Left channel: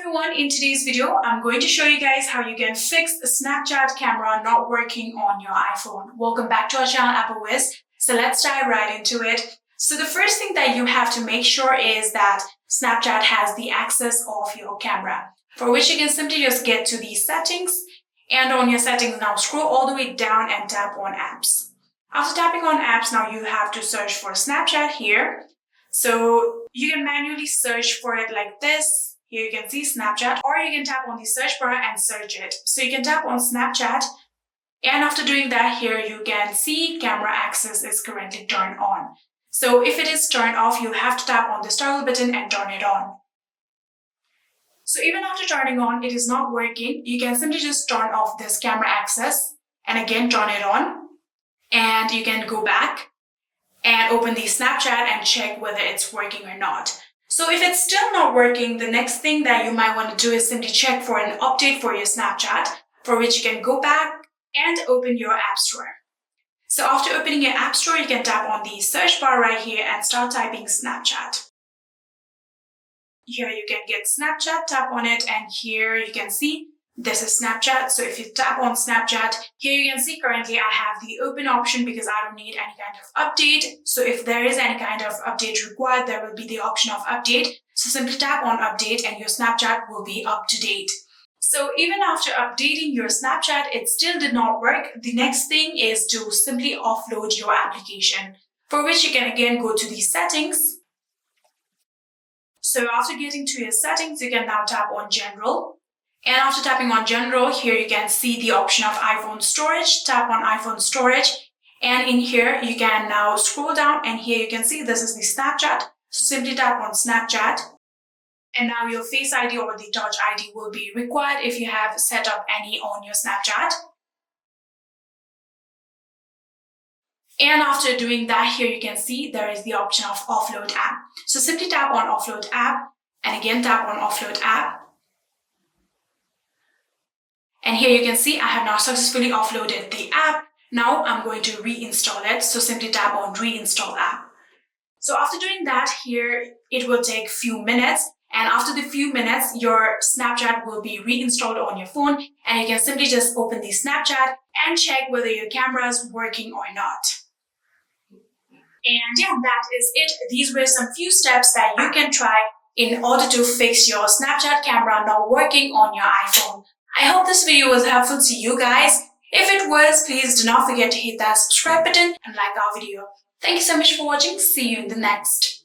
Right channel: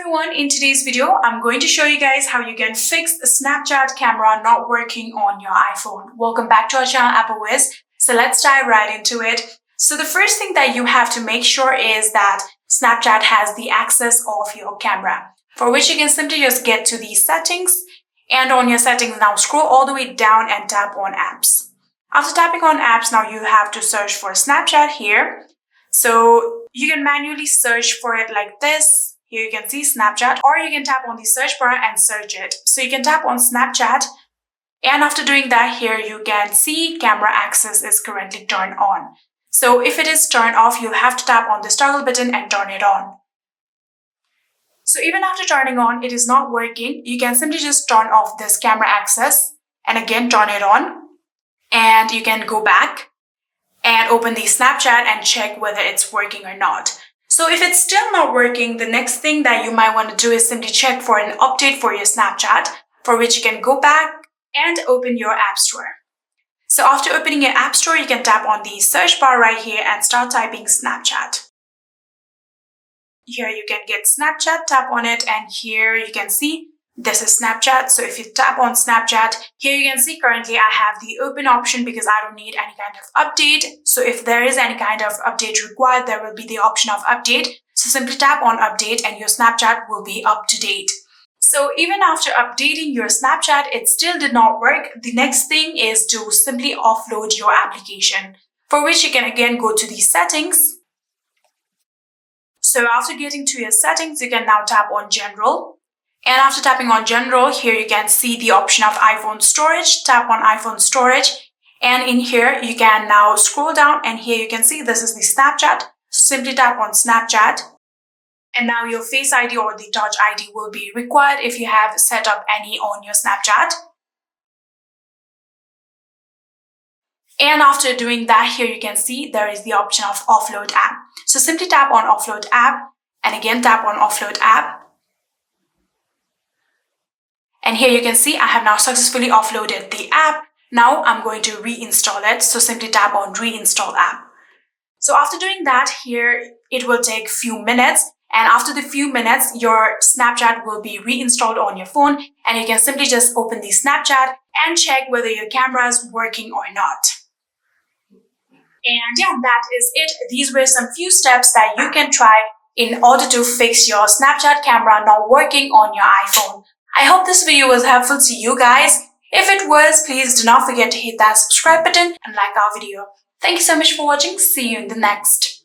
everyone, in today's video, I'm going to show you guys how you can fix the Snapchat camera not working on your iPhone. Welcome back to our channel, AppleWiz. So let's dive right into it. So the first thing that you have to make sure is that Snapchat has the access of your camera, for which you can simply just get to the settings, and on your settings now scroll all the way down and tap on apps. After tapping on apps, now you have to search for Snapchat here. So you can manually search for it like this. Here you can see Snapchat, or you can tap on the search bar and search it. So you can tap on Snapchat, and after doing that, here you can see camera access is currently turned on. So if it is turned off, you'll have to tap on this toggle button and turn it on. So even after turning on, it is not working. You can simply just turn off this camera access and again turn it on. And you can go back and open the Snapchat and check whether it's working or not. So if it's still not working, the next thing that you might want to do is simply check for an update for your Snapchat, for which you can go back and open your App Store. So after opening your App Store, you can tap on the search bar right here and start typing Snapchat. Here you can get Snapchat, tap on it, and here you can see this is Snapchat. So if you tap on Snapchat, here you can see currently I have the open option because I don't need any kind of update. So if there is any kind of update required, there will be the option of update. So simply tap on update and your Snapchat will be up to date. So even after updating your Snapchat, it still did not work. The next thing is to simply offload your application, for which you can again go to the settings. So after getting to your settings, you can now tap on general. And after tapping on general, here you can see the option of iPhone storage. Tap on iPhone storage. And in here, you can now scroll down and here you can see this is the Snapchat. So simply tap on Snapchat. And now your Face ID or the Touch ID will be required if you have set up any on your Snapchat. And after doing that, here you can see there is the option of offload app. So simply tap on offload app and again tap on offload app. And here you can see I have now successfully offloaded the app. Now I'm going to reinstall it. So simply tap on reinstall app. So after doing that, here it will take a few minutes. And after the few minutes, your Snapchat will be reinstalled on your phone. And you can simply just open the Snapchat and check whether your camera is working or not. And yeah, that is it. These were some few steps that you can try in order to fix your Snapchat camera not working on your iPhone. I hope this video was helpful to you guys. If it was, please do not forget to hit that subscribe button and like our video. Thank you so much for watching. See you in the next.